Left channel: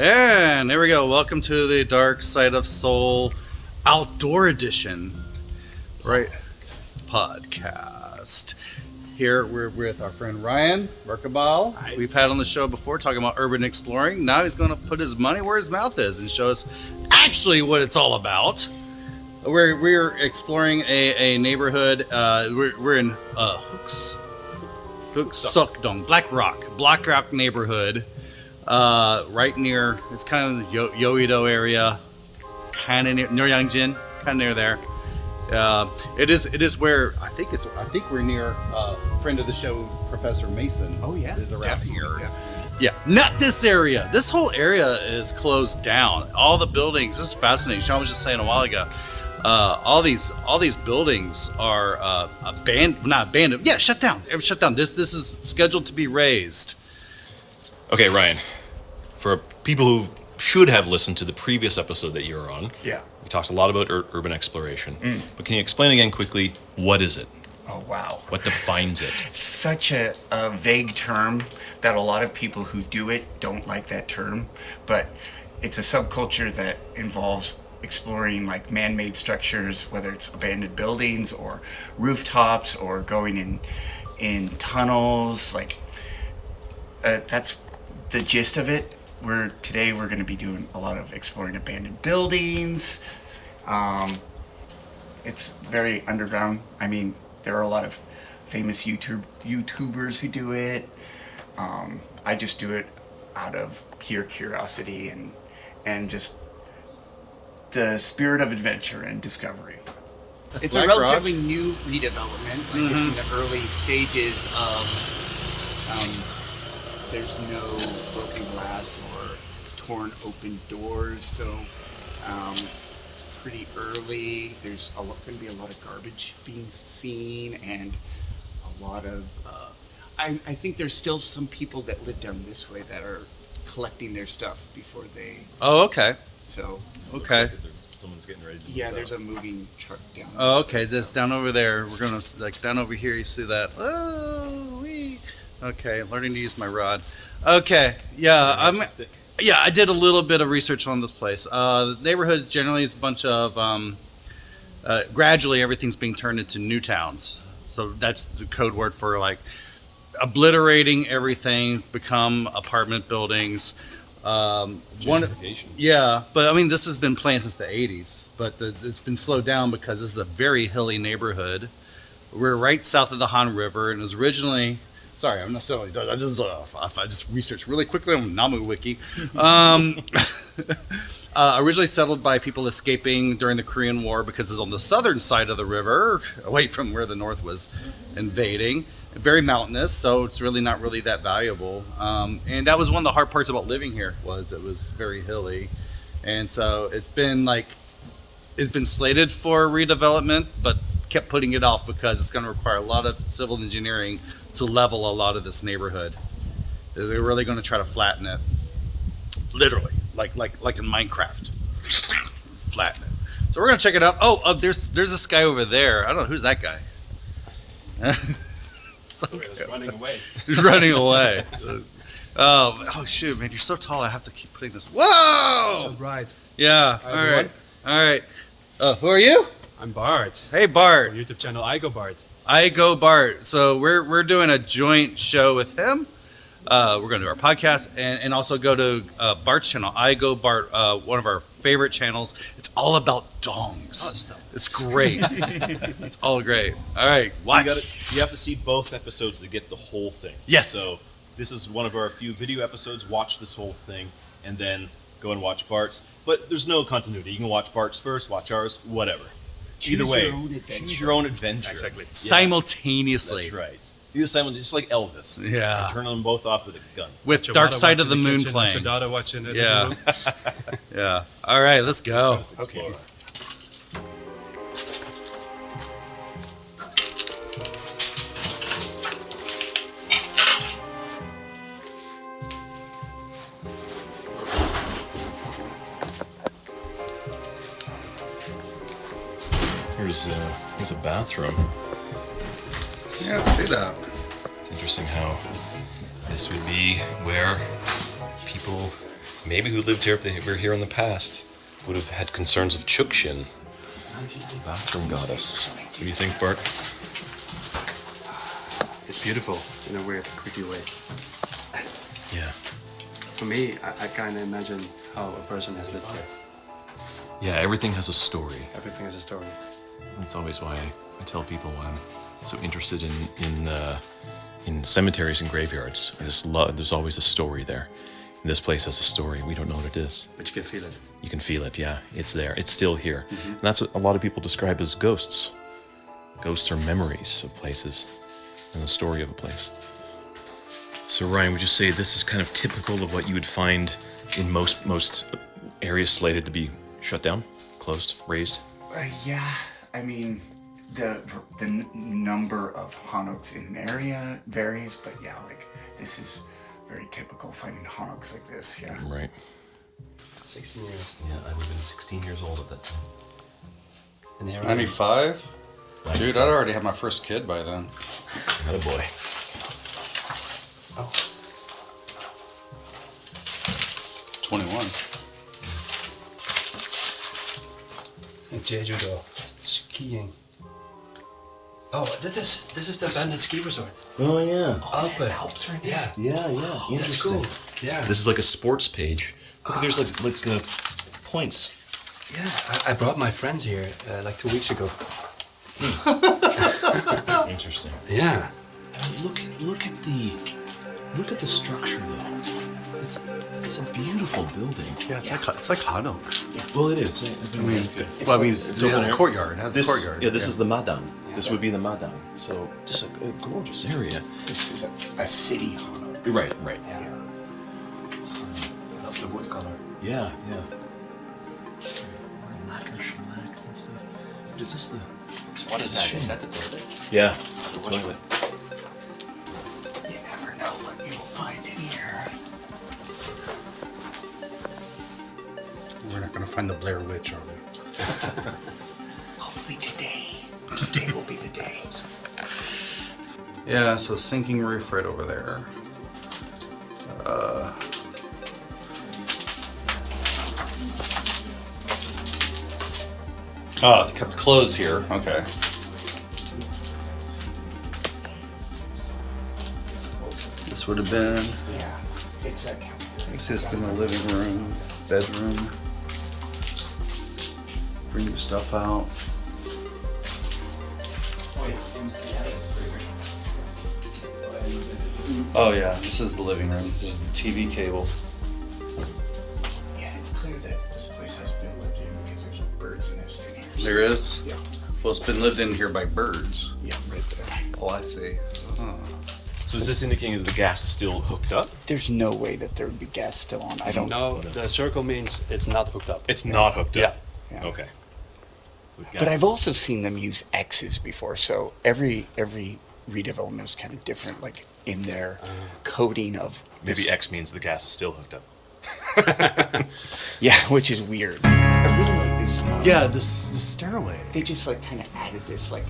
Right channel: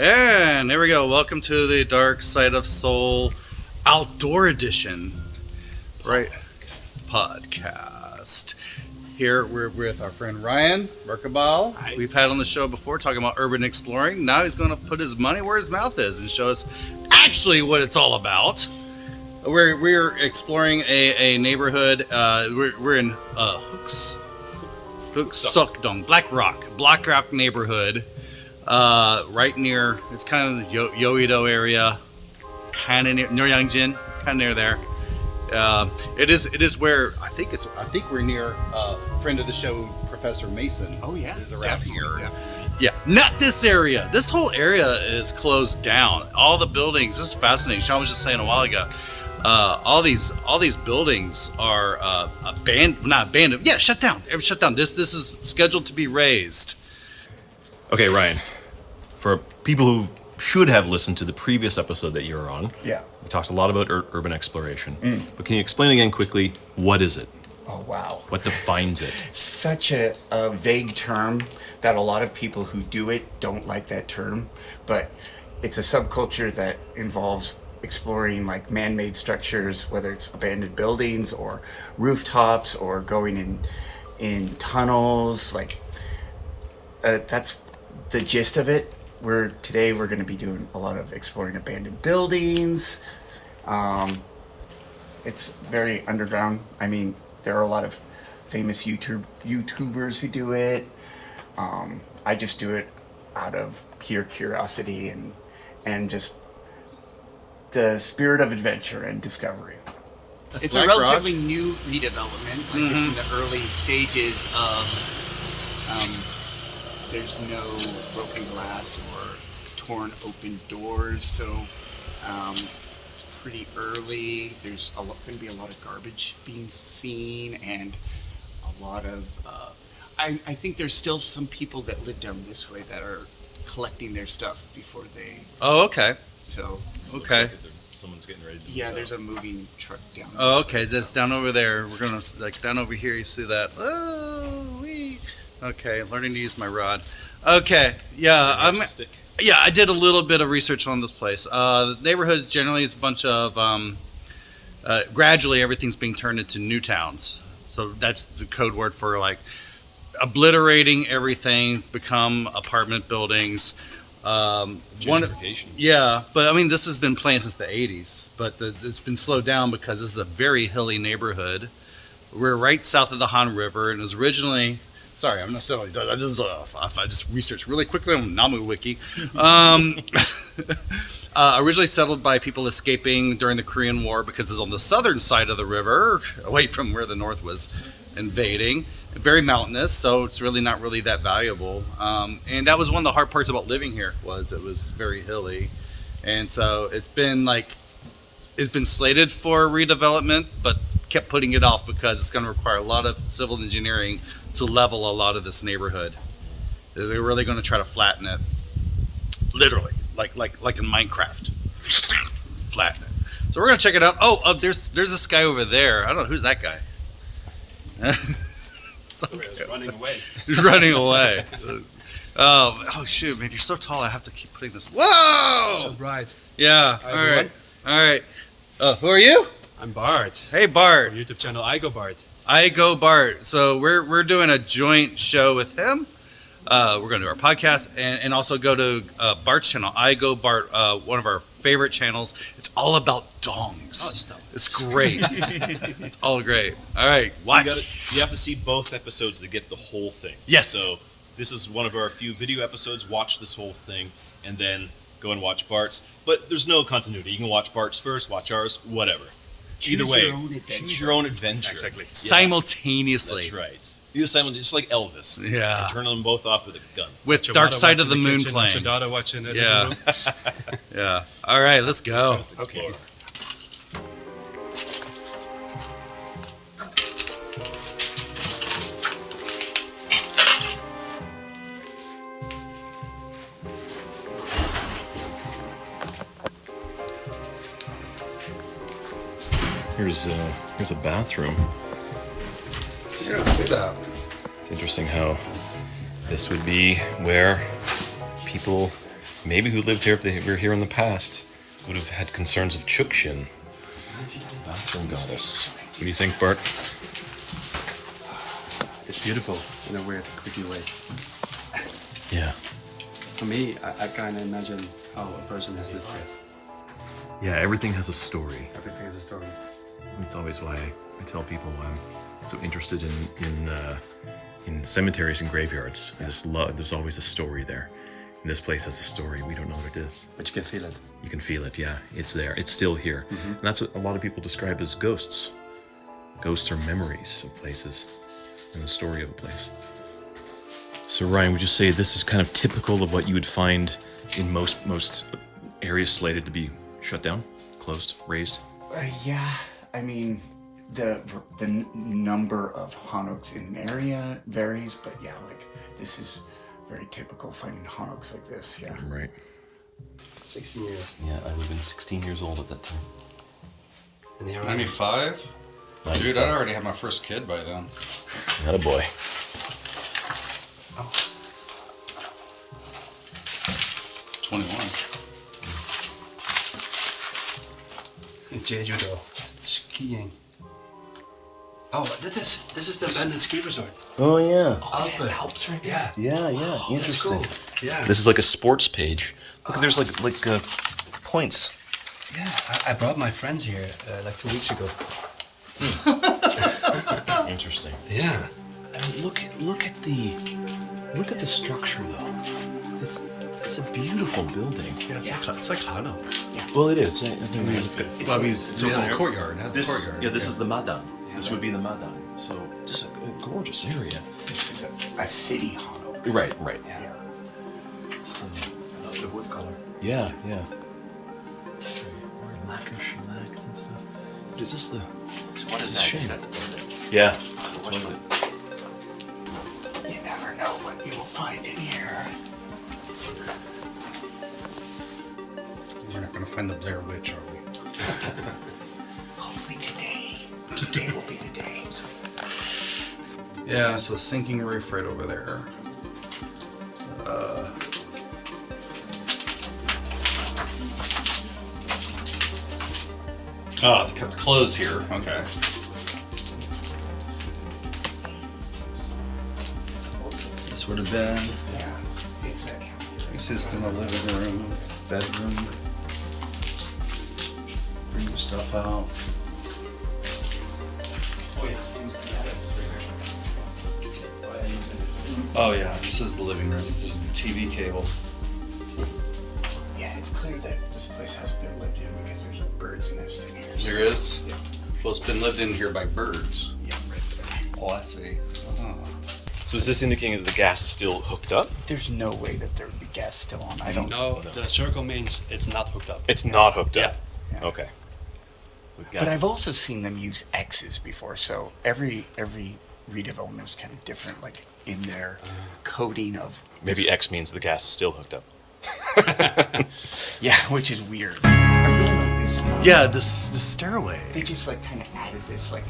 And there we go. Welcome to the Dark Side of Seoul Outdoor Edition, right? Podcast. Here we're with our friend Ryan Merkabal. We've had on the show before talking about urban exploring. Now he's going to put his money where his mouth is and show us actually what it's all about. We're exploring a neighborhood. We're in Hook-Suk-dong, Black Rock neighborhood. Right near, it's kind of the Yeouido area, kind of near Nyeongjin, kind of near there. It is where I think we're near friend of the show, Professor Mason. Oh yeah, is around here. Yeah, not this area. This whole area is closed down. All the buildings. This is fascinating. Sean was just saying a while ago. All these buildings are not abandoned. Yeah, shut down. Shut down. This is scheduled to be razed. Okay, Ryan, for people who should have listened to the previous episode that you were on, Yeah. we talked a lot about urban exploration. But can you explain again quickly, what is it? Oh wow. What defines it? Such a vague term that a lot of people who do it don't like that term, but it's a subculture that involves exploring like man-made structures, whether it's abandoned buildings or rooftops or going in tunnels. Like that's the gist of it. Today we're going to be doing a lot of exploring abandoned buildings. It's very underground. I mean, there are a lot of famous YouTubers who do it. I just do it out of pure curiosity and just the spirit of adventure and discovery. It's Black a relatively Rock. new redevelopment. Like it's in the early stages of. There's no broken glass or torn open doors, so it's pretty early. There's going to be a lot of garbage being seen, and a lot of. I think there's still some people that live down this way that are collecting their stuff before they. Oh, okay. So. Okay. Looks like someone's getting ready to move There's out. a moving truck down. Oh, this okay. way, Just so. down over there. We're gonna down over here. You see that? Oh, wee. Okay. Learning to use my rod. Okay. Yeah. Stick. Yeah. I did a little bit of research on this place. The neighborhood generally is a bunch of. Gradually, everything's being turned into new towns. So that's the code word for like obliterating everything, become apartment buildings. Gentrification. Yeah, but I mean, this has been planned since the 80s, but it's been slowed down because this is a very hilly neighborhood. We're right south of the Han River, and it was originally. Sorry, I'm not saying this is. I just researched really quickly on Namu Wiki. Originally settled by people escaping during the Korean War because it's on the southern side of the river, away from where the North was invading. Very mountainous, so it's really not really that valuable. And that was one of the hard parts about living here was it was very hilly, and so it's been slated for redevelopment, but kept putting it off because it's going to require a lot of civil engineering to level a lot of this neighborhood. They're really going to try to flatten it, literally, like in Minecraft, flatten it. So we're going to check it out. There's this guy over there. I don't know who's that guy. He's running away. He's running away. Oh shoot, man! You're so tall. I have to keep putting this. Whoa! So bright. Yeah. Hi, All everyone. right. Who are you? I'm Bart. Hey, Bart. Our YouTube channel, I Go Bart. I go Bart. So we're doing a joint show with him. We're going to do our podcast and also go to Bart's channel. I Go Bart, one of our favorite channels. It's all about dongs. stop. It's great. It's all great. All right, So watch. you have to see both episodes to get the whole thing. Yes. So this is one of our few video episodes. Watch this whole thing, and then go and watch Bart's. But there's no continuity. You can watch Bart's first, watch ours, whatever. Either way, Your own adventure. choose your own adventure. Exactly. Yeah, Simultaneously. that's right. You just like Elvis. Yeah. And turn them both off with a gun. With Your Dark mother Side of the watching Moon kitchen, playing. Your daughter watching it. Yeah. Yeah. All right, let's go. Let's explore. Here's a bathroom. Yeah, see that. It's interesting how this would be where people maybe who lived here if they were here in the past would have had concerns of Chukshin. Bathroom goddess. What do you think, Bart? It's beautiful in a weird, creepy way. Yeah. For me, I kind of imagine how a person has lived here. Yeah, everything has a story. Everything has a story. That's always why I tell people I'm so interested in cemeteries and graveyards. There's always a story there. This place has a story. We don't know what it is. But you can feel it. You can feel it, yeah. It's there. It's still here. And that's what a lot of people describe as ghosts. Ghosts are memories of places and the story of a place. So Ryan, would you say this is kind of typical of what you would find in most areas slated to be shut down, closed, razed? Yeah, I mean, the number of hanoks in an area varies, but yeah, like this is very typical finding hanoks like this. Yeah. Right. 16 years. Yeah, I would have been 16 years old at that time. And here 95? Dude, I'd already had my first kid by then. Not a boy. Oh. 21. In Jeju-do, skiing. Oh, this is the abandoned ski resort. Oh yeah. Alpe. Helps right Yeah. Yeah. That's cool. Yeah. This is like a sports page. Look, there's like points. Yeah. I brought my friends here like 2 weeks ago. Interesting. Yeah. I mean, look at the structure though. It's a beautiful building. Yeah, it's like Hanok. Well, it is. Well, I mean, it has a courtyard. It has the courtyard. Yeah, this is the Madan. This would be the Madan. So just a gorgeous area. This is a city hanok. Right. Yeah. So, The wood color. yeah. Lacquer, shellacked and stuff. It's just the. What It's is a that? shame. Is that the toilet? Yeah. It's the toilet. You never know what you will find in here. We're not going to find the Blair Witch, are we? Hopefully today. Today will be the day. Yeah, so sinking roof right over there. Oh, they kept clothes here. Okay. This would have been. Yeah. It's a You see, it's been the living room, bedroom. Bring your stuff out. Oh yeah, this is the living room. This is the TV table. Yeah, it's clear that this place hasn't been lived in because there's a bird's nest in here. There is? Yeah. Well, it's been lived in here by birds. Yeah, right there. Oh, I see. So is this indicating that the gas is still hooked up? There's no way that there would be gas still on. I don't No, the circle means it's not hooked up. It's not hooked up. Yeah. Okay. So gas But I've also seen them use X's before, so every redevelopment is kind of different, like in their coding of maybe X means the gas is still hooked up. yeah, which is weird. I really like this. Yeah, the stairway. They just like kind of added this like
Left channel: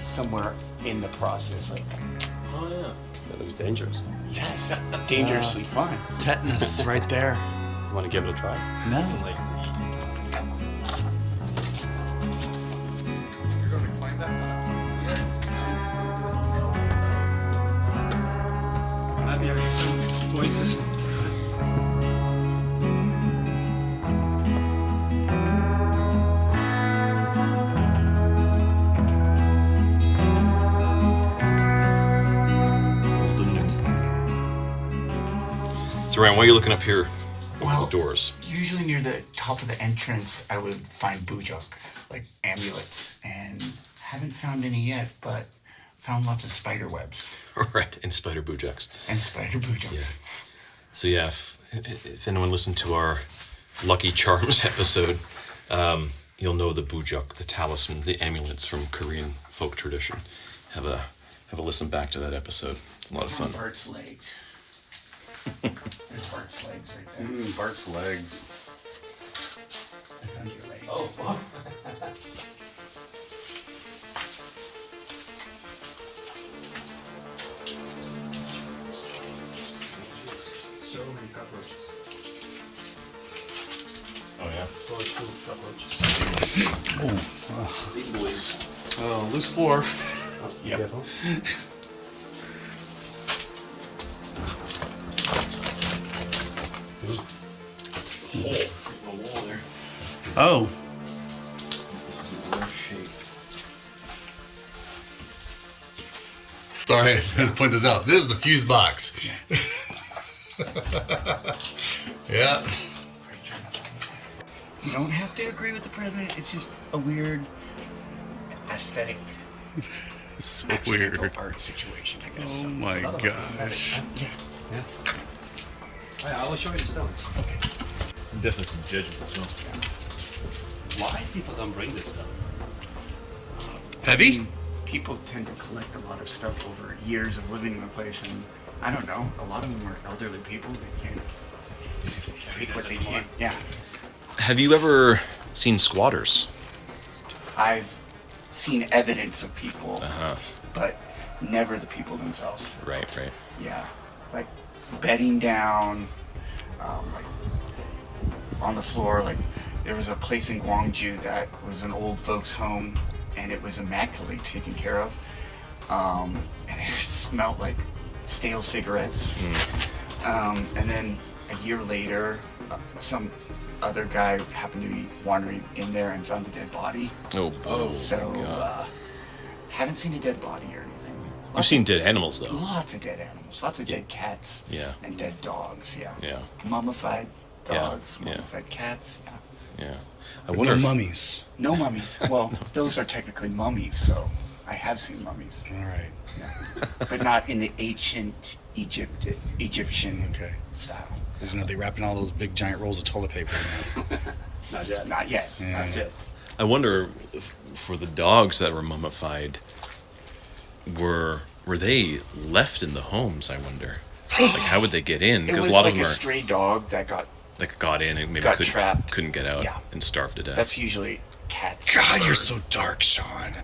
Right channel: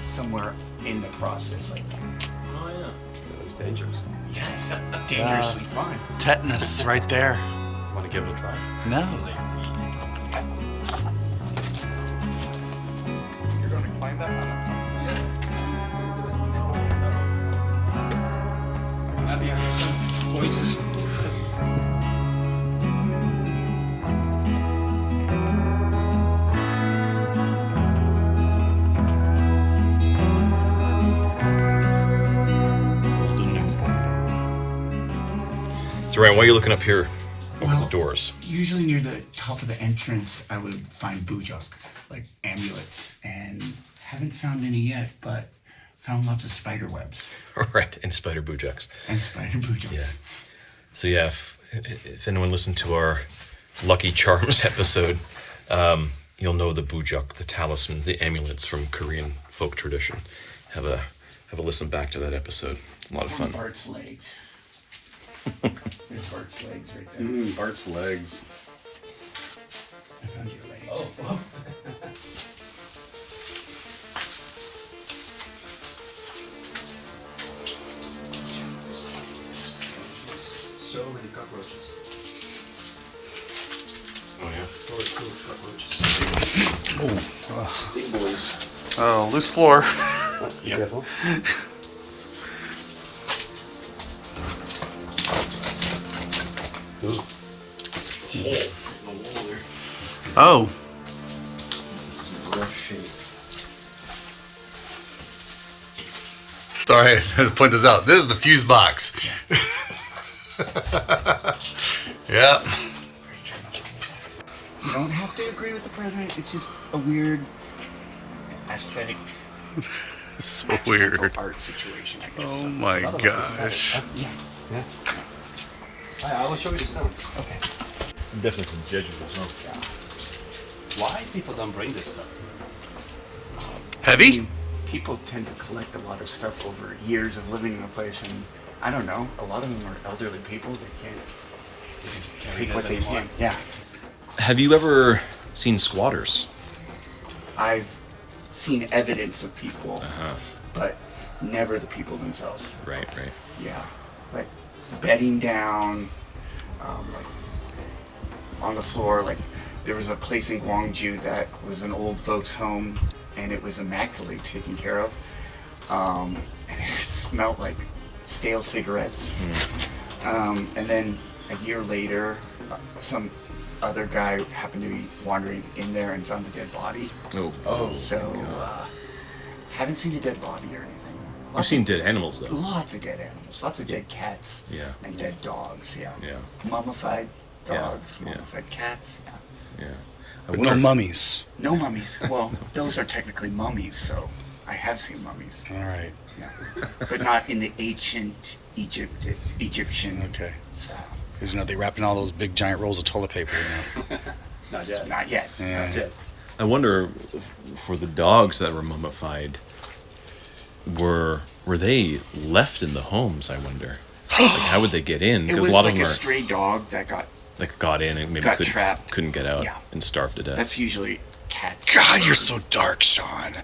somewhere in the process, like It was dangerous. yes, dangerously fun. Tetanus right there. Want to give it a try? No. Maybe I heard some voices. So Ryan, why are you looking up here? Well, The doors. usually near the top of the entrance, I would find bujok, like amulets, and haven't found any yet, but found lots of spider webs Right, and spider bujuks. and spider bujoks. Yeah. So yeah, if anyone listened to our Lucky Charms episode, you'll know the bujok, the talismans, the amulets from Korean folk tradition. Have a listen back to that episode. It's a lot of fun. Bart's legs. There's Bart's legs right there. Bart's legs. I found your legs. So many cockroaches. Big boys. Oh, loose floor. Careful. Oh. This is in rough shape. Sorry, I had to point this out. This is the fuse box. Yeah. You don't have to agree with the president. It's just a weird aesthetic So weird. art situation, I guess. Oh my gosh. Yeah. Yeah. I will show you the stones. Okay. And definitely from Jeju as well. Why people don't bring this stuff? Heavy? People tend to collect a lot of stuff over years of living in a place, and I don't know, a lot of them are elderly people. They can't take what they can. Yeah. Have you ever seen squatters? I've seen evidence of people, Uh-huh. but never the people themselves. Right, right. Yeah, like bedding down, like on the floor. Like there was a place in Gwangju that was an old folks' home, and it was immaculately taken care of. And it smelled like stale cigarettes. And then a year later, some other guy happened to be wandering in there and found a dead body. Oh, So, my God. haven't seen a dead body or anything. You've seen dead animals, though. Lots of dead animals, lots of dead cats, Yeah. and dead dogs. Yeah, Yeah. mummified dogs, Yeah. mummified cats. Yeah. Yeah. I But wonder no if- mummies. No mummies. Well, those are technically mummies, so I have seen mummies. All right. Yeah. But not in the ancient Egyptian Okay. style. Because, they wrap in all those big giant rolls of toilet paper, Not yet. Not yet. Yeah. Not yet. I wonder for the dogs that were mummified, were they left in the homes? I wonder. Like, how would they get in? It Because was a lot like of them a are stray dog that got. like got in and maybe got trapped. couldn't get out Yeah. and starved to death. That's usually cats. God, you're so dark, Sean.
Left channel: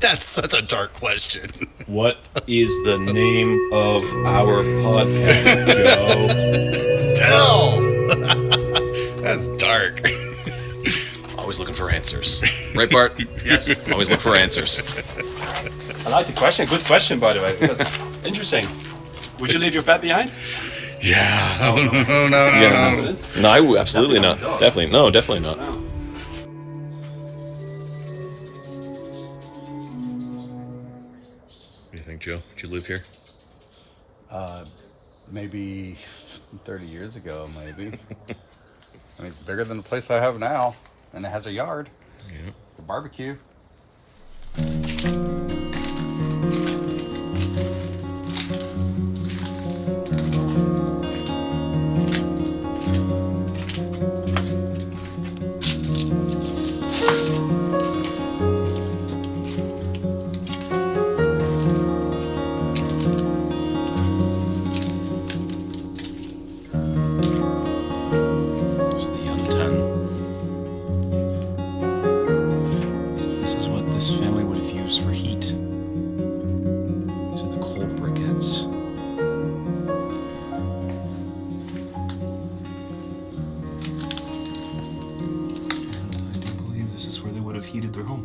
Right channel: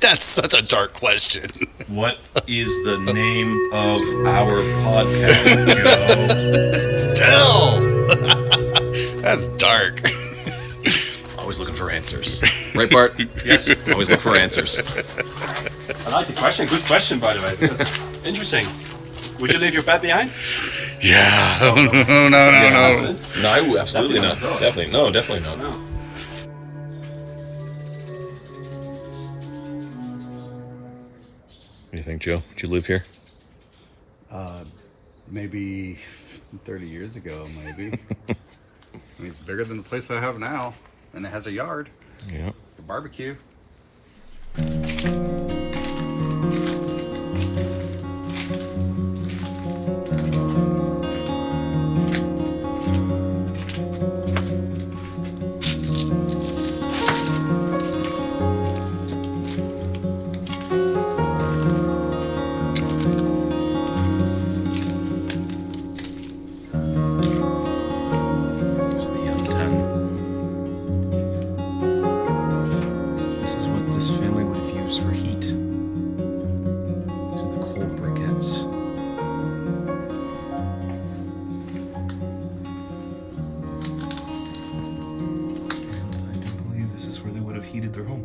That's such a dark question. What is the name of our podcast, Joe? Tell! That's dark. Always looking for answers. Right, Bart? Yes. Always look for answers. I like the question. Good question, by the way. Interesting. Would you leave your pet behind? Yeah. No. No, absolutely not. Definitely not. No. What do you think, Joe? Did you live here? Maybe 30 years ago, maybe. I mean, it's bigger than the place I have now. And it has a yard. Yeah. A barbecue. There's the Yuntan. So this is what this family would have used for heat. These are the coal briquettes. I do believe this is where they would have heated their home.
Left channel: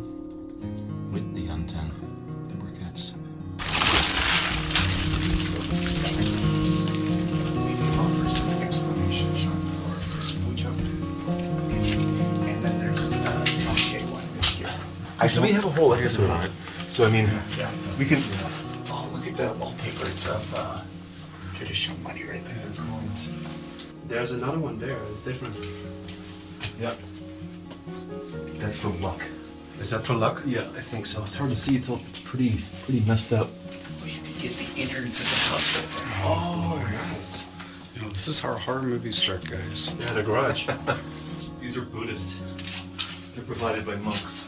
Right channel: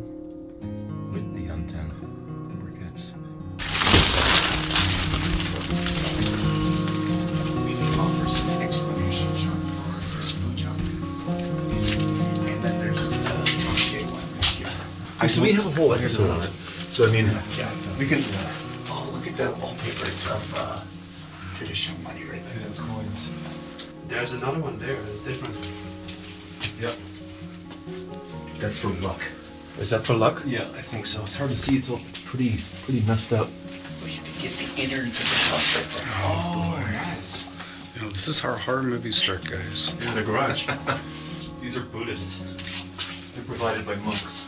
With the Yuntan, the briquettes. We can offer some explanation Sean, for this food job. And then there's some J1 this year. So we have a whole episode on it. So I mean, We can. Oh, look at the wallpaper. It's of traditional money right there. That's cool. There's another one there. It's different. yep. That's for luck. Is that for luck? Yeah, I think so. It's hard to see. It's pretty messed up. Well, you can get the innards of the house right there. Oh, nice. This is how horror movies start, guys. Yeah, the garage. These are Buddhist. They're provided by monks.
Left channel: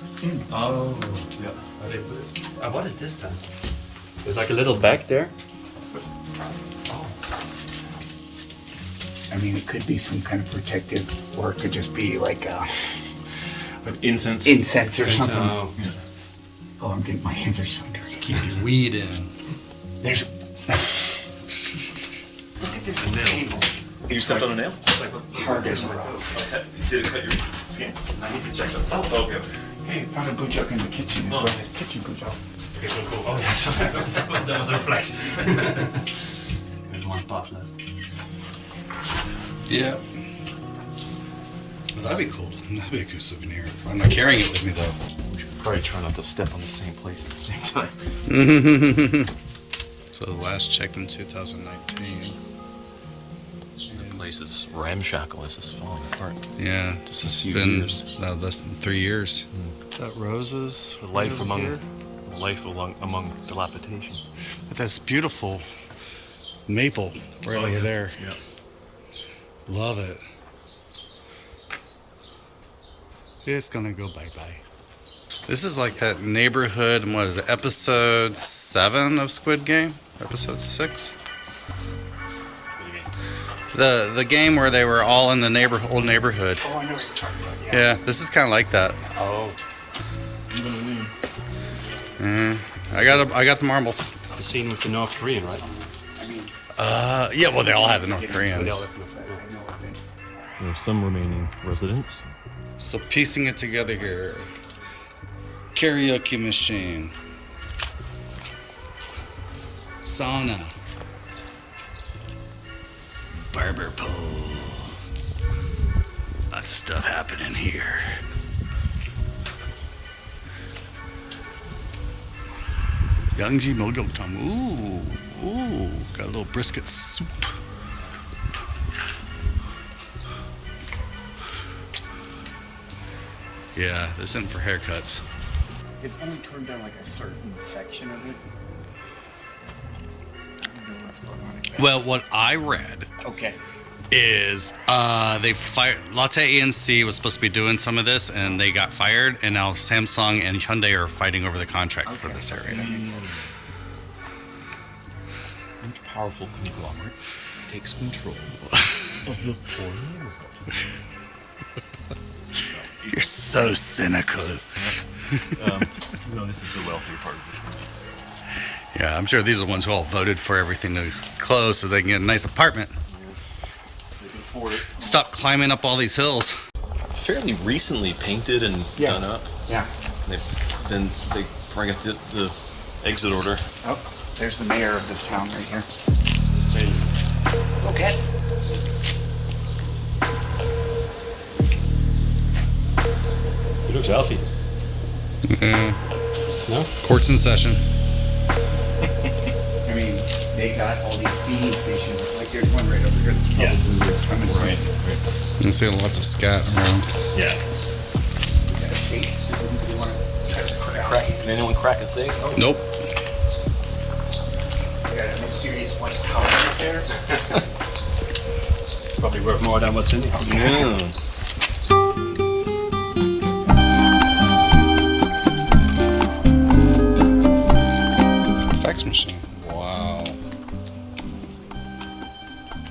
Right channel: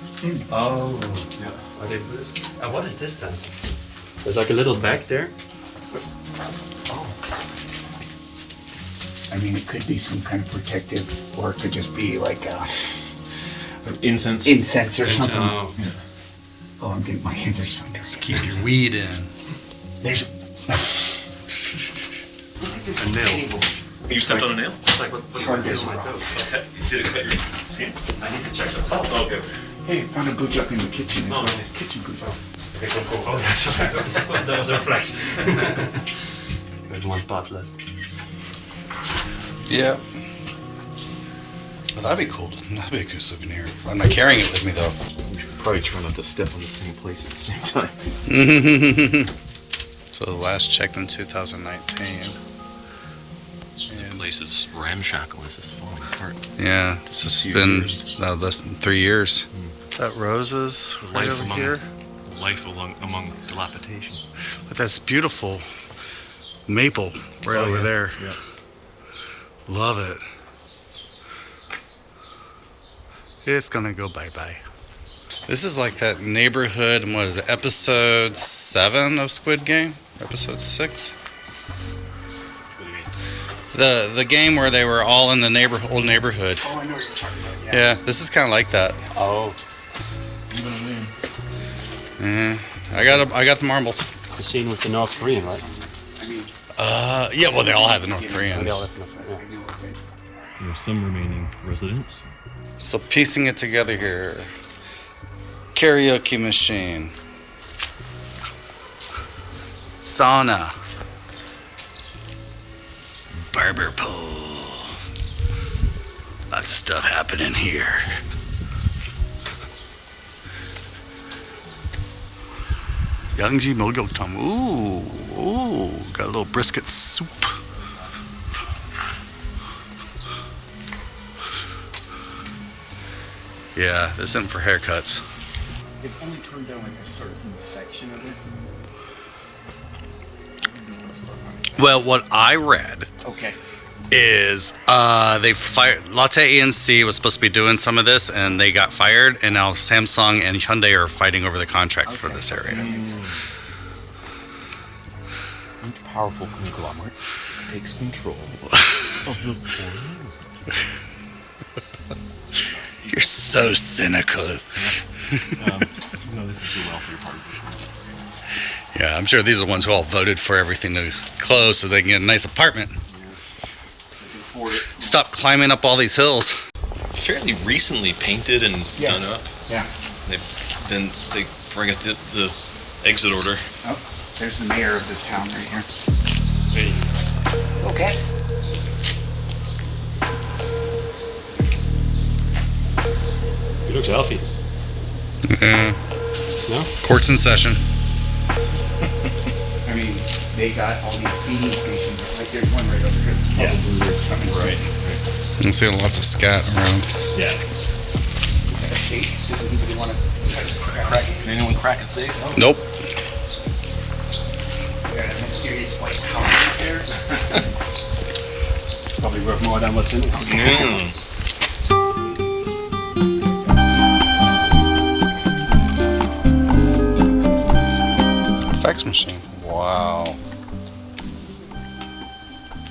Oh, Yeah. are they Buddhist? What is this then? There's like a little bag there. I mean, it could be some kind of protective, or it could just be like Incense. incense or something. Oh, Oh, I'm getting my hands are so dirty. Keep your weed in. There's. Look at this table. You stepped on a nail? Hard as a rock. Okay. Did it cut your skin? I need to check that. Oh, okay. Hey, found a bujuk in the kitchen as well. It's kitchen bujuk. Okay, cool. Oh, yeah, sorry. That was a reflex. There's one spot left. Yeah. Well, that'd be cool. That'd be a good souvenir. I'm not carrying it with me though. We should probably try not to step on the same place at the same time. So the last checked in 2019. The place is ramshackle as it's falling apart. Yeah, this has few been years. less than 3 years. That roses right over here. Life among dilapidation. But that's beautiful maple right over there. Yeah. Love it. It's gonna go bye-bye. This is like that neighborhood, what is it, episode 7 of Squid Game? Episode 6? What do you mean? The game where they were all in the old neighborhood. Oh, I know what you're talking about. Yeah, this is kind of like that. Oh, Yeah, I got the marbles. the scene with the North Korean, right? I mean, Yeah, well, they all have the North They all Koreans. have the North Korean. I know what they. There are some remaining residents. So piecing it together here. Karaoke machine. Sauna. Barber pole. Lots of stuff happening here. Yangji Mogyoktam. Ooh, got a little brisket soup. Yeah, this isn't for haircuts. They've only turned down like a certain section of it. I don't know what's going on exactly. Well, what I read Okay. is they fired Latte ENC was supposed to be doing some of this and they got fired, and now Samsung and Hyundai are fighting over the contract for this That area. makes sense. Each powerful conglomerate takes control of the poor neighborhood. You're so cynical. No, this is the wealthy part of this. Yeah, I'm sure these are the ones who all voted for everything to close so they can get a nice apartment. Stop climbing up all these hills. Fairly recently painted and Yeah. done up. Yeah. Then they bring up the exit order. Oh, there's the mayor of this town right here. Okay. It looks healthy. No? Court's in session. I mean, they got all these feeding stations. Like there's one right over here that's probably what's coming from. I'm seeing lots of scat around. Yeah. Got a safe. Does anybody want to try to crack it? Anyone crack a safe? Oh. Nope. We got a mysterious white collar up there. Probably worth more than what's in here. Fax machine. Wow.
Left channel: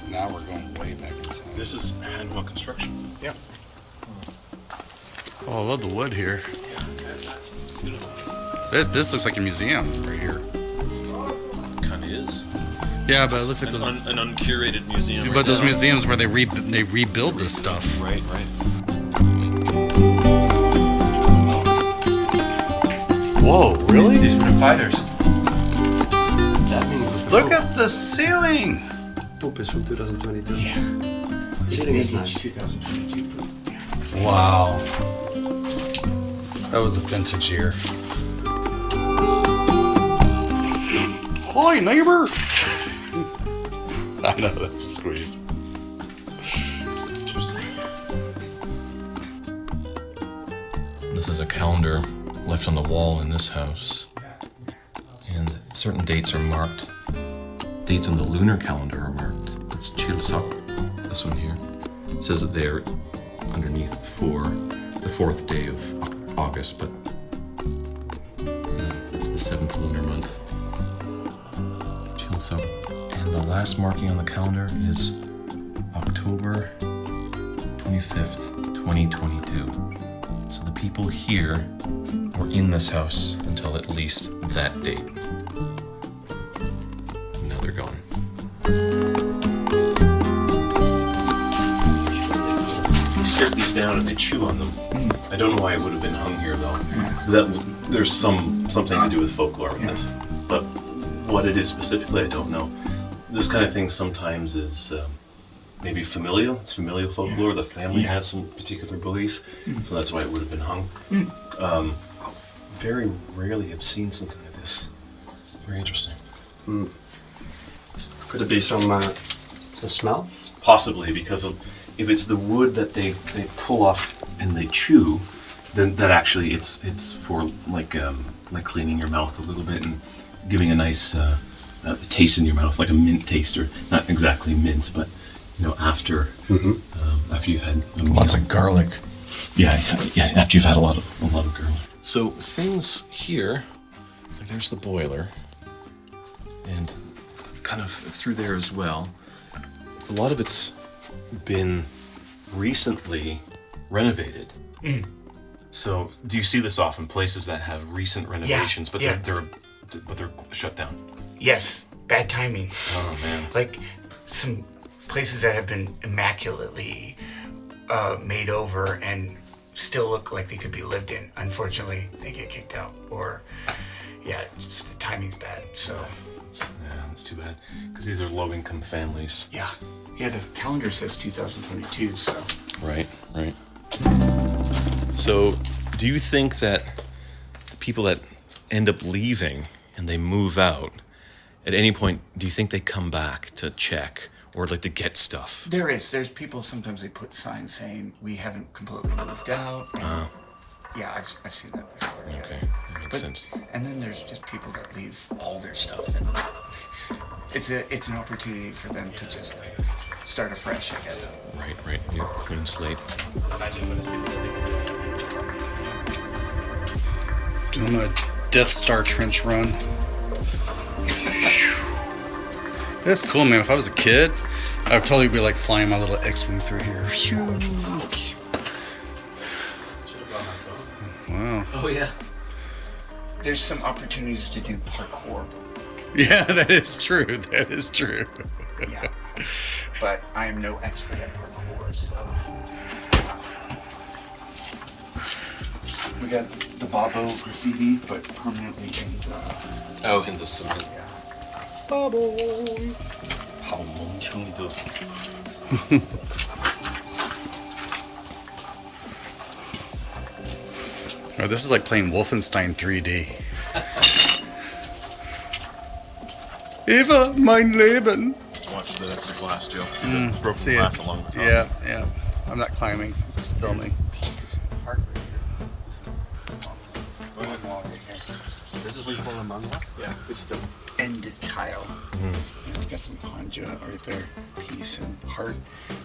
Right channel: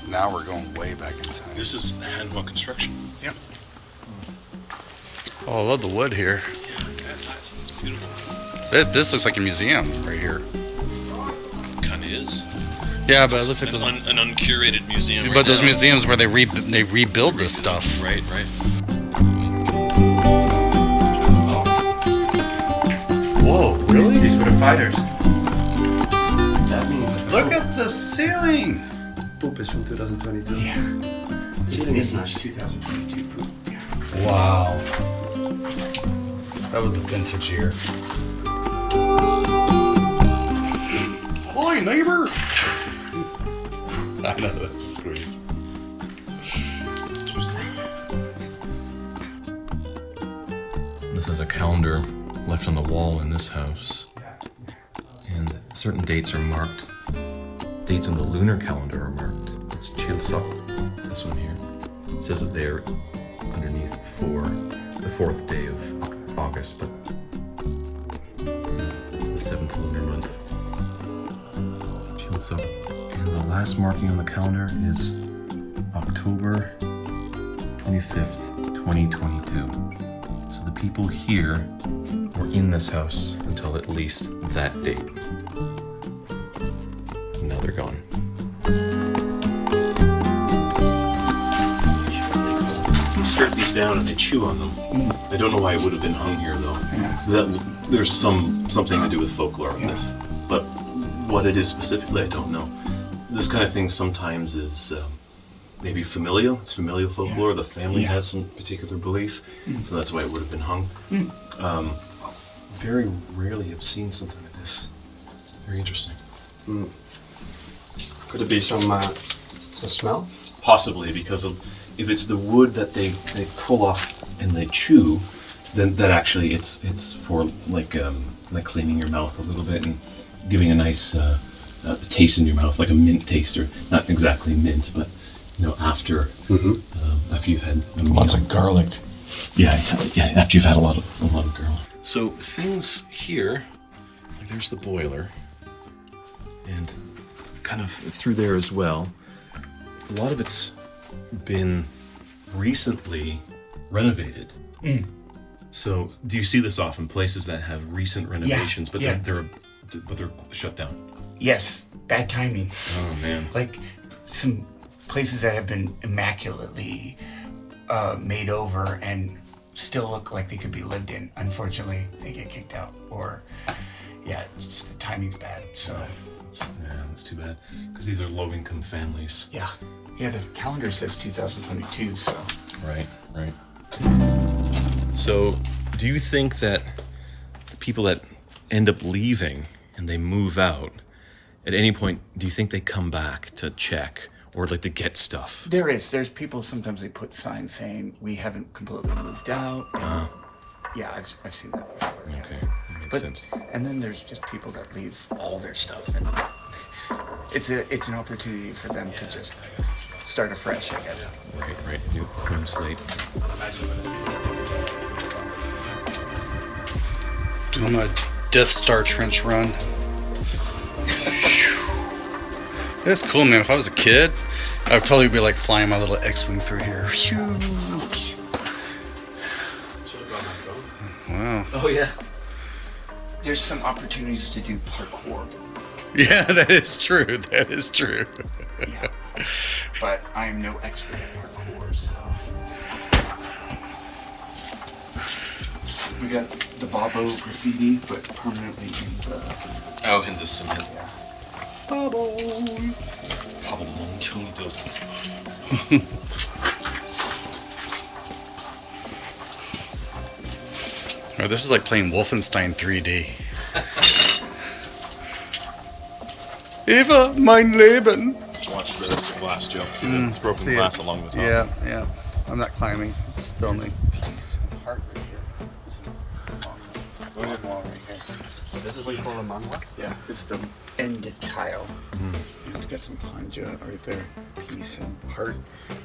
Now we're going way back in time. This is handheld construction. Yep. Oh, I love the wood here. It's beautiful. This looks like a museum right here. Kind of is. Yeah, but it looks like those. An uncurated museum. But those museums where they rebuild this stuff. Right. Whoa, really? These were the fighters. Look at the ceiling. Poop is from 2022. It is nice. 2022. Wow. That was a vintage year. Hi, neighbor. I know, that's a squeeze. This is a calendar left on the wall in this house. And certain dates are marked. Dates on the lunar calendar are marked. It's Chilsok, this one here. It says that they're underneath for the 4th day of August, but it's the 7th lunar month. Chilsok. And the last marking on the calendar is October 25th, 2022. So the people here were in this house until at least that date. Now they're gone. down and they chew on them. I don't know why it would have been hung here though. That there's something to do with folklore with this, but what it is specifically, I don't know. This kind of thing sometimes is maybe familial. It's familial folklore. The family has some particular belief, so that's why it would have been hung. Very rarely have seen something like this. Very interesting. Could it be some smell? Possibly because of if it's the wood that they pull off and they chew, then that actually it's for like cleaning your mouth a little bit and giving a nice taste in your mouth, like a mint taste, or not exactly mint, but after you've had a meal. Lots of garlic. Yeah, after you've had a lot of garlic. So things here, like there's the boiler, and kind of through there as well. A lot of it's been recently renovated. So do you see this often? Places that have recent renovations, but they're shut down. Yes, bad timing. Oh man! Like some places that have been immaculately made over and still look like they could be lived in. Unfortunately, they get kicked out, or just the timing's bad. So that's too bad because these are low-income families. yeah, the calendar says 2022. So Right. So, do you think that the people that end up leaving and they move out, at any point, do you think they come back to check or like to get stuff? there's people, sometimes they put signs saying we haven't completely moved out. And yeah, I've seen that before. Yeah. Okay, that makes sense. And then there's just people that leave all their stuff, and it's an opportunity for them to just start afresh, I guess. Right. New clean slate. Doing a Death Star trench run. That's cool, man. If I was a kid, I would totally be like flying my little X-Wing through here. Wow. Oh yeah. There's some opportunities to do parkour. Yeah, that is true. That is true. Yeah. But I am no expert at parkour, so. We got the Bobo graffiti, but permanently in the... in the cement. Bubble. Oh, this is like playing Wolfenstein 3D. Eva, mein Leben. Watch the last job too. Let's see it. Yeah. I'm not climbing. I'm just filming. This is what you call a manga? Yeah, this is the end tile. And it's got some hanja right there, peace and heart.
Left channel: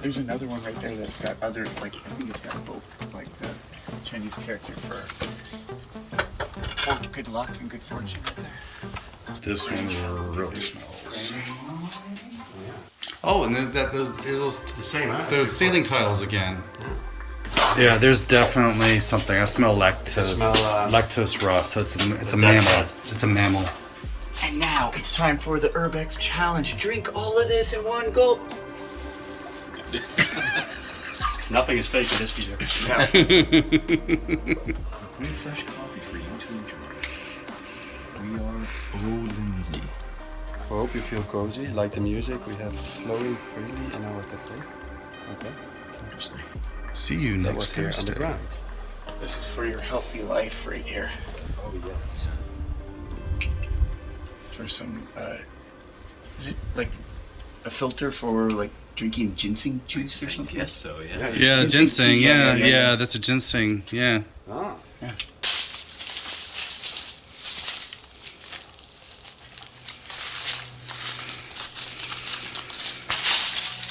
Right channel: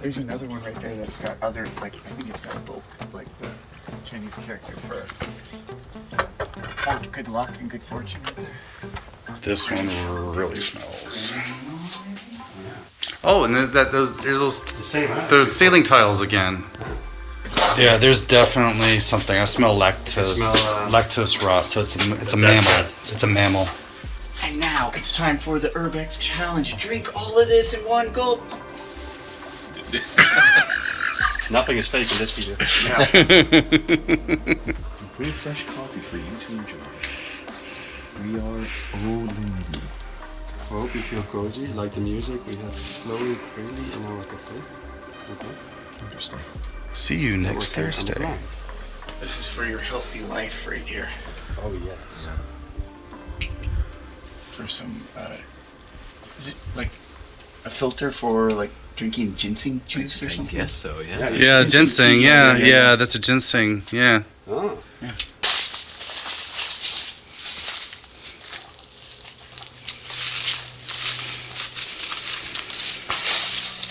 There's another one right there that's got other, like, I think it's got a book, like the Chinese character for good luck and good fortune. This one really smells. Oh, and there's those The same, huh? the ceiling tiles again. Yeah, there's definitely something. I smell lactose. Lactose rot. So it's a mammal. It's a mammal. And now it's time for the Urb Ex challenge. Drink all of this in one gulp. Nothing is fake in this video. Pretty fresh coffee for you to enjoy. We are old Lindsay. I hope you feel cozy, like the music. We have slowly freely in our cafe. Okay. Interesting. See you That next was there on the Thursday. ground. This is for your healthy life right here. Oh yes. For some, is it like a filter for like drinking ginseng juice or something? Yes, so yeah. Yeah, ginseng. Yeah, that's a ginseng. Yeah. Oh. Yeah.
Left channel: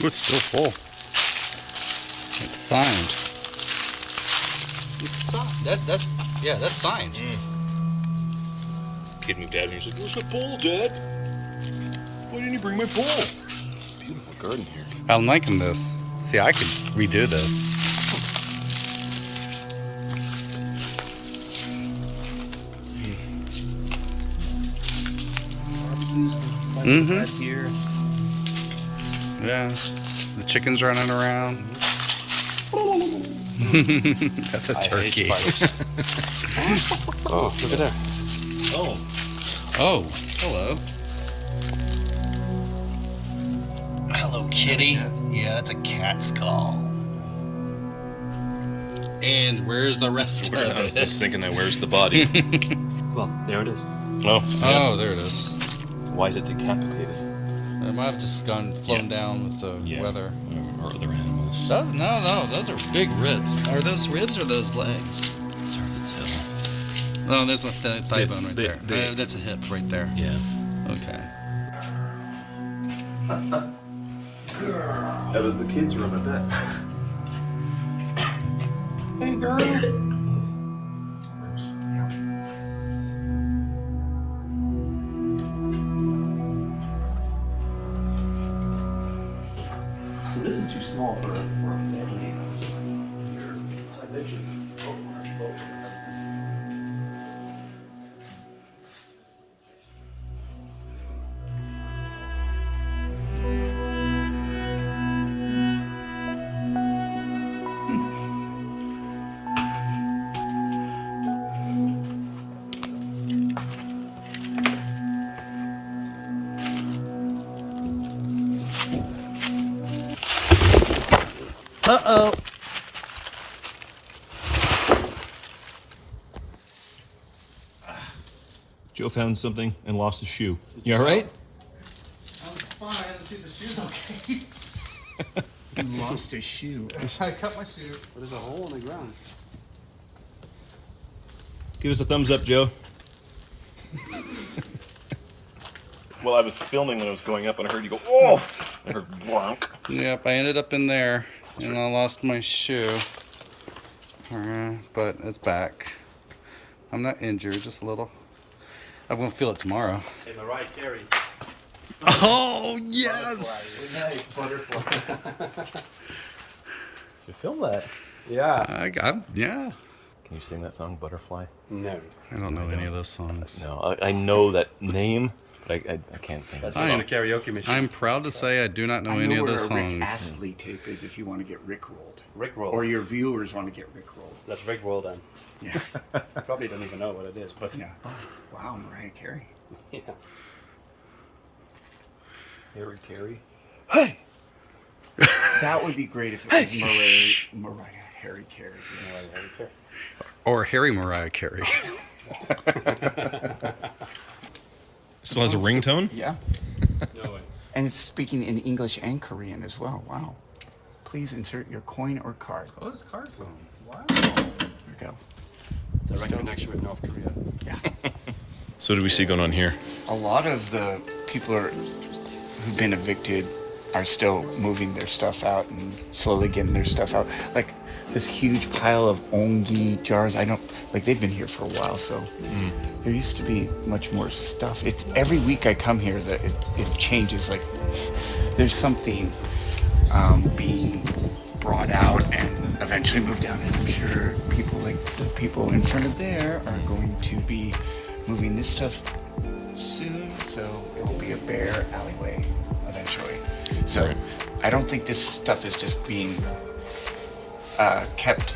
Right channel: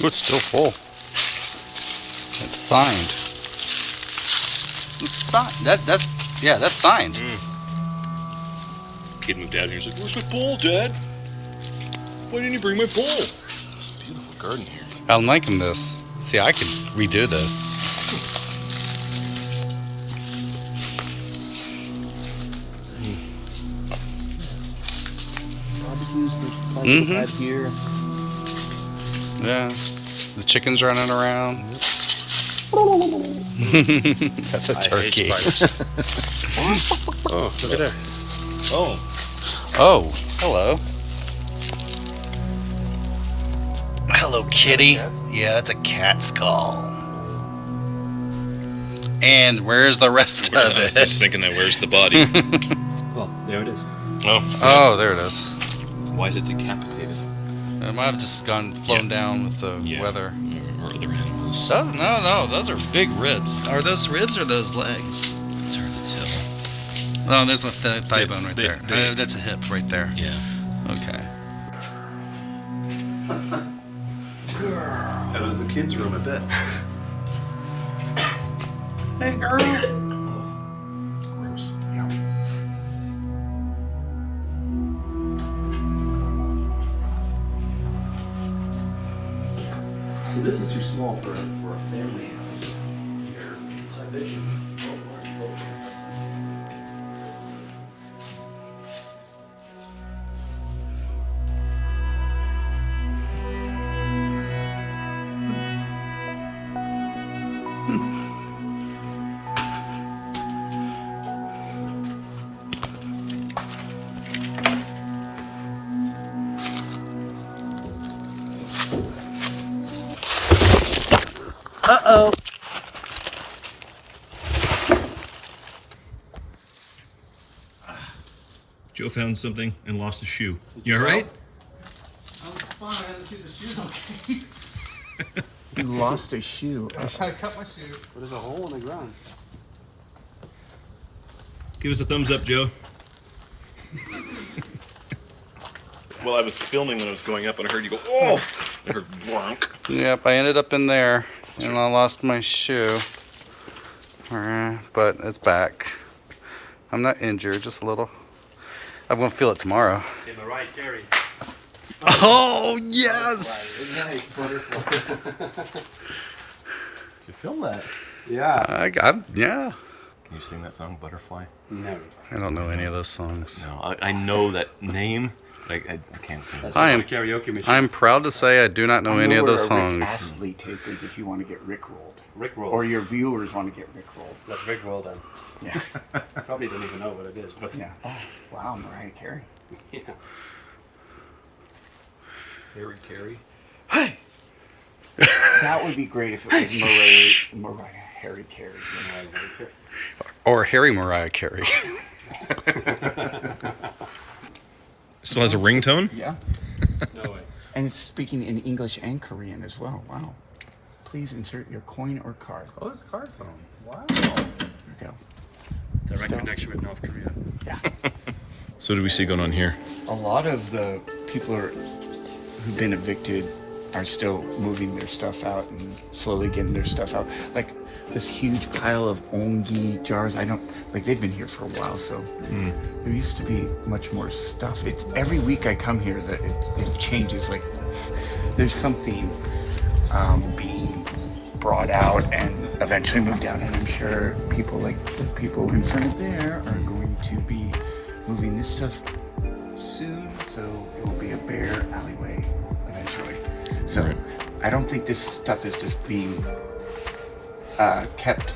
Oh, it's still full. It's signed. It's signed. That's signed. Kid moved out here and said, "Where's my bowl, Dad? Why didn't you bring my bowl?" It's a beautiful garden here. I'm liking this. See, I could redo this. Right here. Yeah. The chicken's running around. That's a turkey. Oh, look at that. Oh. Oh, hello. Hello, kitty. Yeah, that's a cat skull. And where's the rest of I was just it? thinking that. Where's the body? Well, there it is. Oh. Oh, there it is. Why is it decapitated? It might have just flown down with the weather. Or other animals. No, those are big ribs. Are those ribs or those legs? It's hard to tell. No, there's a thigh bone right there. the- That's a hip right there. Yeah. Okay. That was the kids' room, I bet. Hey, girl. Gross. So this is too small for a family house. Here, so I bet you. Uh-oh. Joe found something and lost a shoe. You all right? I'm fine. I didn't see the shoes okay. You lost a shoe. I cut my shoe. But there's a hole in the ground. Give us a thumbs up, Joe. Well, I was filming when I was going up and I heard you go, oh! I heard wonk. Yep, I ended up in there and I lost my shoe. But it's back. I'm not injured, just a little. I'm gonna feel it tomorrow. Oh, yes! You film that? Yeah. Yeah. Can you sing that song, Butterfly? No. I don't know any of those songs. No, I know that name, but I can't think. That's I just am- a karaoke machine. I'm proud to say I do not know any of those Rick songs. Astley tape is if you want to get rickrolled. Rickroll. Or your viewers want to get rickrolled. That's Rickroll then. Yeah. Probably don't even know what it is, but Yeah. Oh, wow, Mariah Carey. yeah. Harry Carey. That would be great if it was Mariah Harry Carey. Or Harry Mariah Carey. Still has a ringtone? Yeah. No way. And it's speaking in English and Korean as well. Wow. Please insert your coin or card. Oh, it's a card phone. Wow. There we go. Direct connection with North Korea. Yeah. So what do we see going on here? A lot of the people who've been evicted are still moving their stuff out and slowly getting their stuff out. Like this huge pile of ongi jars. They've been here for a while, so there used to be much more stuff. It's every week I come here that it changes. Like there's something being brought out and eventually moved out, and I'm sure people like the people in front of there are going to be moving this stuff soon, so it will be a bare alleyway eventually. So Right. I don't think this stuff is just being kept.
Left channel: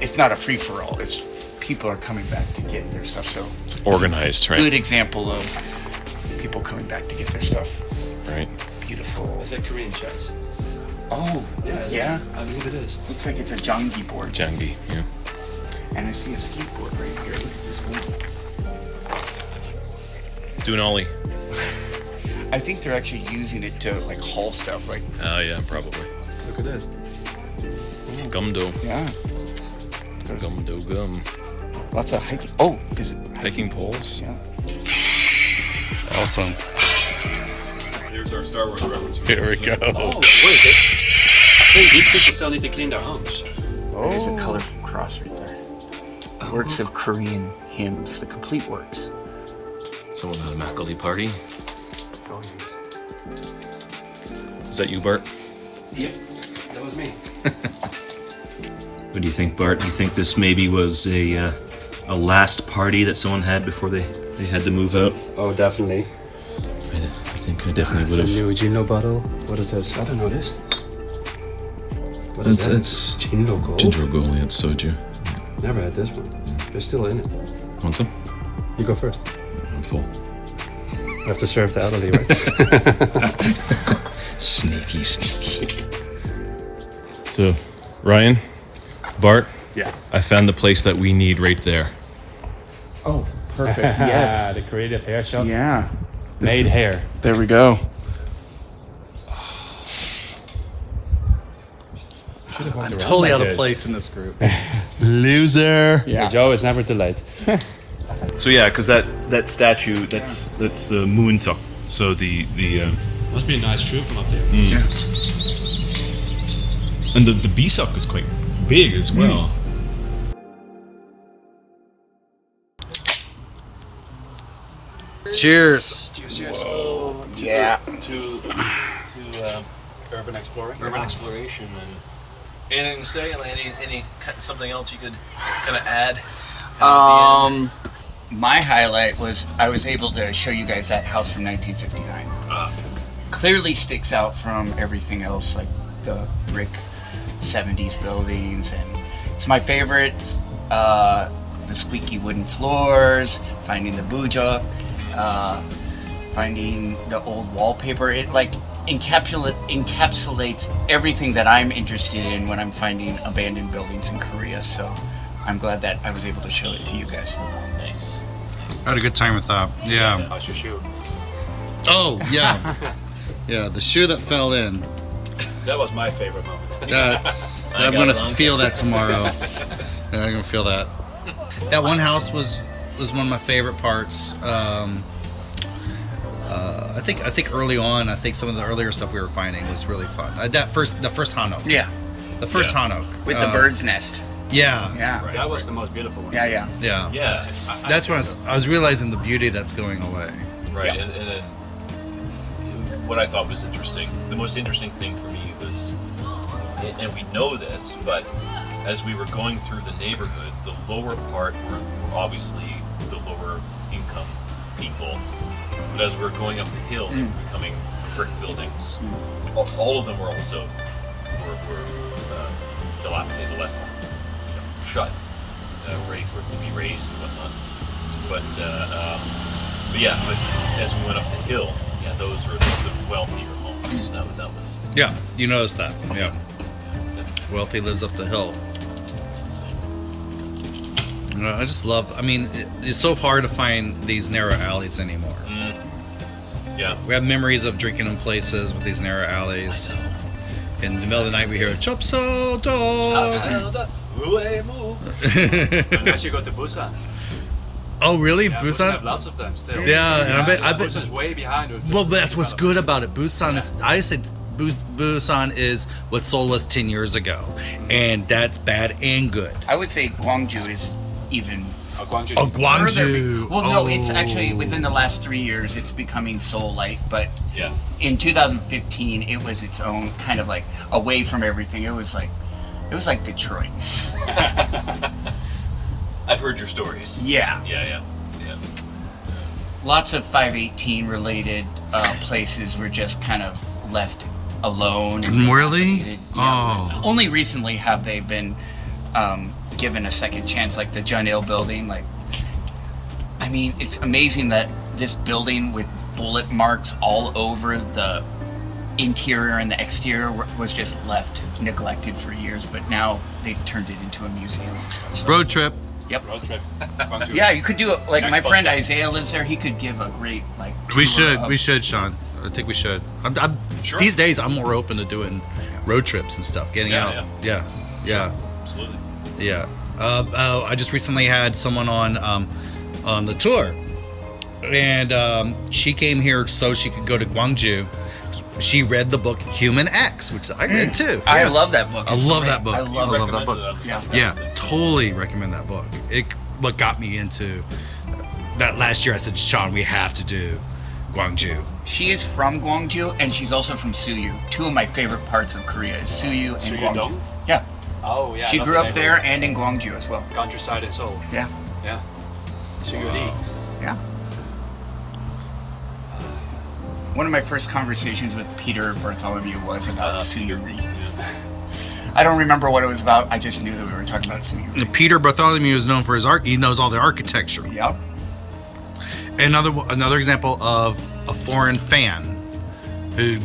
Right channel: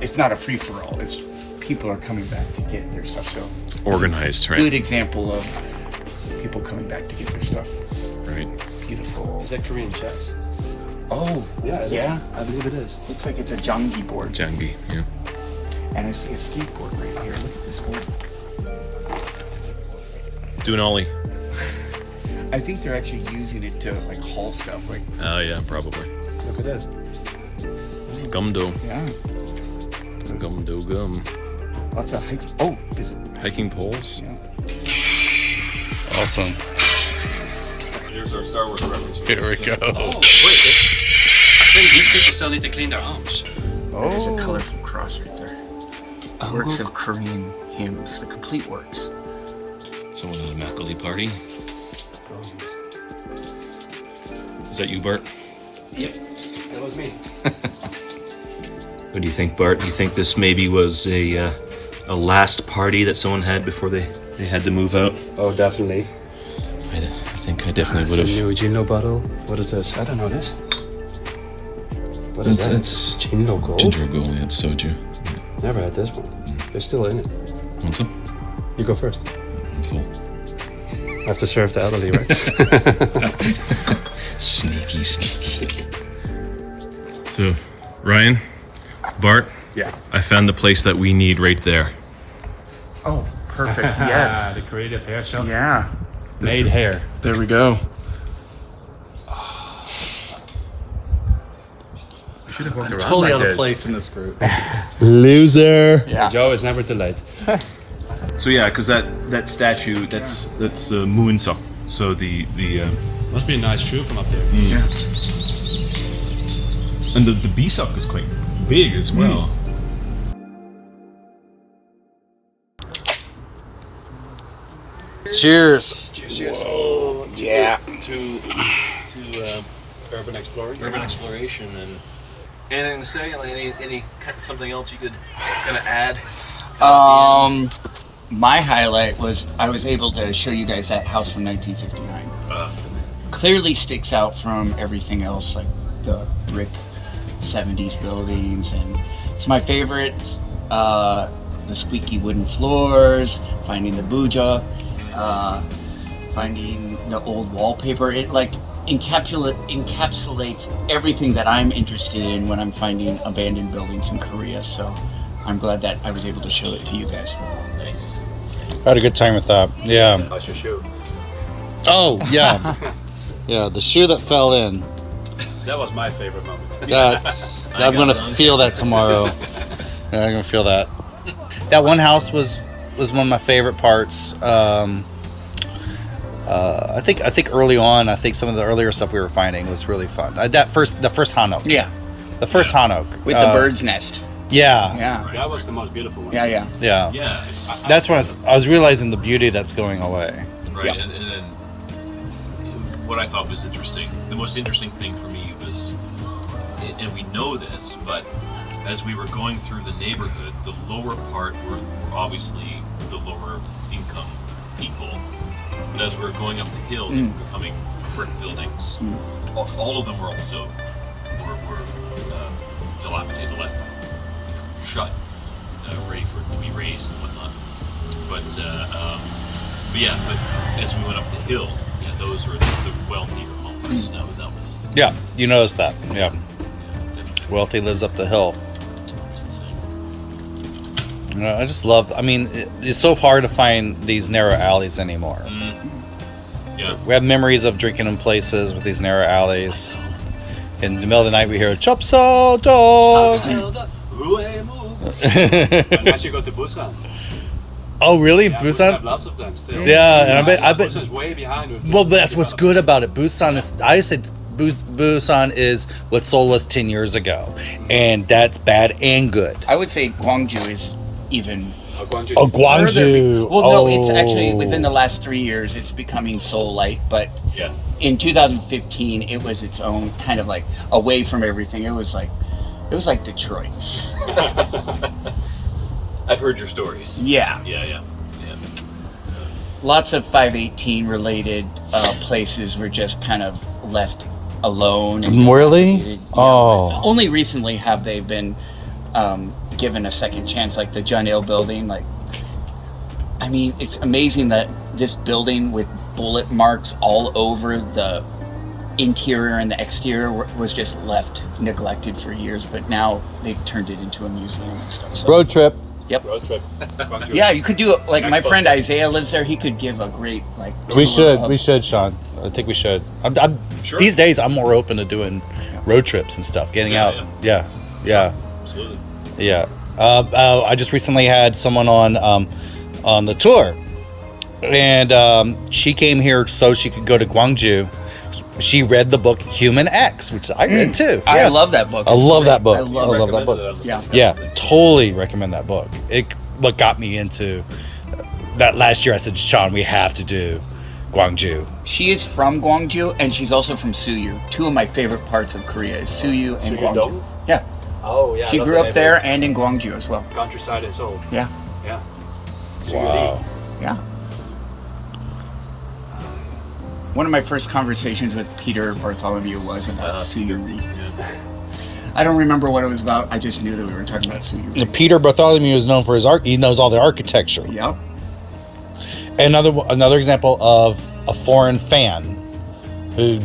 It's not a free for all. It's people are coming back to get their stuff. So it's Organized, a right? good example of people coming back to get their stuff. Right. Beautiful. Is that Korean chess? Oh, it yeah. is. I believe it is. Looks like it's a jangi board. Jangi, yeah. And I see a skateboard right here. Look at this one. Do an ollie. I think they're actually using it to like haul stuff. Like, Oh, yeah, probably. Look at this. Gumdo. yeah, Gumdo gum. lots of hiking. Oh, is it? Hiking poles. Yeah. Awesome. Here's our Star Wars reference. Here we go. Oh, wait. I think these people still need to clean their homes. There's a Oh. colorful cross right there. Works of Korean hymns, the complete works. Someone at a Macaulay party. Oh, jeez. Is that you, Bart? Yep. That was me. What do you think, Bart? Do you think this maybe was a last party that someone had before they had to move out? Oh, definitely. I think I definitely That's would a have. new Gino bottle. What is this? I don't know this. What is that? It's Ginger Gold? ginger gold. Yeah, it's soju. Never had this one. They're still in it. Want some? You go first. I'm full. I have to serve the elderly, right? Sneaky. So, Ryan, Bart. Yeah. I found the place that we need right there. Oh, perfect. Yes. The creative hair shop. Yeah. Made hair. There we go. I'm totally out of place in this group. Loser. Yeah. Joe is never too late. So yeah, because that statue that's Moonsok. So the Must be a nice view from up there. Yeah. and the Bisok is quite big as well. Cheers. Cheers. Yeah. To urban exploring. Urban exploration and anything to say? Any something else you could kind of add? My highlight was I was able to show you guys that house from 1959. Clearly sticks out from everything else, like the brick 70s buildings, and it's my favorite. The squeaky wooden floors, finding the bujuk, finding the old wallpaper. It like encapsulates everything that I'm interested in when I'm finding abandoned buildings in Korea. So I'm glad that I was able to show it to you guys. Nice. I had a good time with that. Yeah. How's your shoe? Oh, yeah. Yeah, the shoe that fell in. That was my favorite moment. I'm gonna feel that tomorrow. Yeah, I'm gonna feel that. That one house was one of my favorite parts. I think early on, some of the earlier stuff we were finding was really fun. The first Hanok. Yeah, The first Hanok. with the bird's nest. Yeah. Yeah, That was the most beautiful one. yeah. Yeah. Yeah. That's when I was realizing the beauty that's going away. Right, and then what I thought was interesting, the most interesting thing for me was, and we know this, but as we were going through the neighborhood, the lower part were obviously the lower income people, but as we were going up the hill, they were becoming brick buildings. All of them were also were dilapidated, left shut, ready for it to be raised and whatnot. But as we went up the hill, those were the wealthier homes. That was Yeah, you noticed that. Yeah. definitely Wealthy lives up the hill. was the same. I just love. I mean, it's so hard to find these narrow alleys anymore. Yeah. We have memories of drinking in places with these narrow alleys. In the middle of the night, we hear "Chop Saw Dog." Unless you go to Busan. Oh, really? Yeah, Busan have Busan? lots of them still. Yeah, and I bet. Busan's way behind. With Well, that's what's good about it. Busan is. I said Busan is what Seoul was 10 years ago, and that's bad and good. I would say Gwangju is even Gwangju. Oh, Gwangju. Well, no, it's actually within the last 3 years it's becoming Seoul-like, but Yeah. in 2015 it was its own kind of like away from everything. It was like Detroit. I've heard your stories. Yeah. Yeah. Lots of 518 related places were just kind of left alone. And Really? dilapidated. Oh. Only recently have they been given a second chance, like the Junil building. Like, I mean, it's amazing that this building with bullet marks all over the interior and the exterior was just left neglected for years, but now they've turned it into a museum and stuff. So, Road trip. Yep. Road trip. Gwangju. Yeah, you could do it. Like my Next friend podcast. Isaiah lives there. He could give a great like. We tour of- should, Sean. I think we should. I'm Sure. These days, I'm more open to doing road trips and stuff, getting Yeah, out. Yeah. Absolutely. I just recently had someone on the tour, and she came here so she could go to Gwangju. She read the book Human X, which I read too. I Yeah. love that book. I It's love great. that book. I love it. that book. Yeah. Yeah, totally recommend that book. What got me into that last year. I said, Sean, we have to do Gwangju. She is from Gwangju, and she's also from Suyu. Two of my favorite parts of Korea is Suyu and Suyu Gwangju. Dong? Yeah, Oh yeah. she I love grew the up there neighborhood. and in Gwangju as well. Countryside in Seoul. Yeah, Yeah. Wow. yeah. One of my first conversations with Peter Bartholomew was about Suyu Ri. I don't remember what it was about. I just knew that we were talking about Suyu. Peter Bartholomew is known for his art. He knows all the architecture. Yep. And another example of a foreign fan who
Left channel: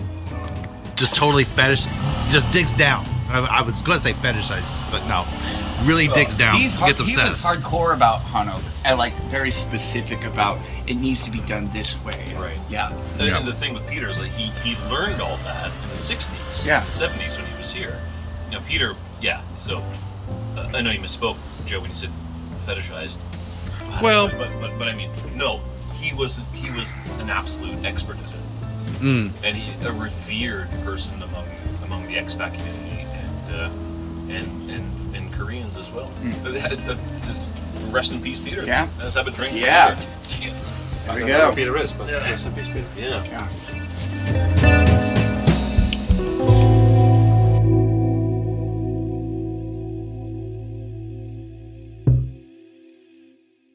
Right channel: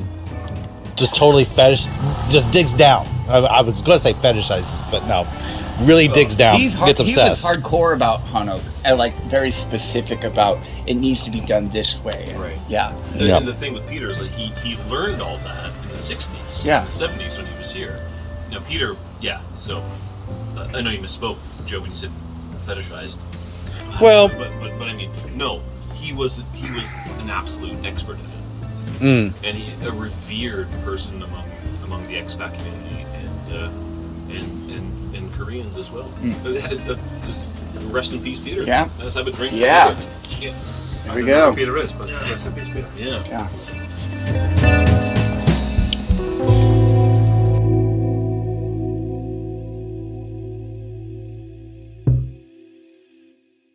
just totally just digs down. I was going to say fetishizes, but no, really digs down, gets obsessed. He was hardcore about Hanok, and like very specific about it needs to be done this way. Right. Yeah. The thing with Peter is like he learned all that in the 60s, Yeah. in the 70s when he was here. Now Peter, yeah. So I know you misspoke, Joe, when you said fetishized. Well, but I mean, no, he was an absolute expert at it, and a revered person among the expat community and Koreans as well. Rest in peace, Peter. Yeah. Let's have a drink. Yeah. Together. There we go. Peter is, but rest in peace, Peter. Yeah. Yeah.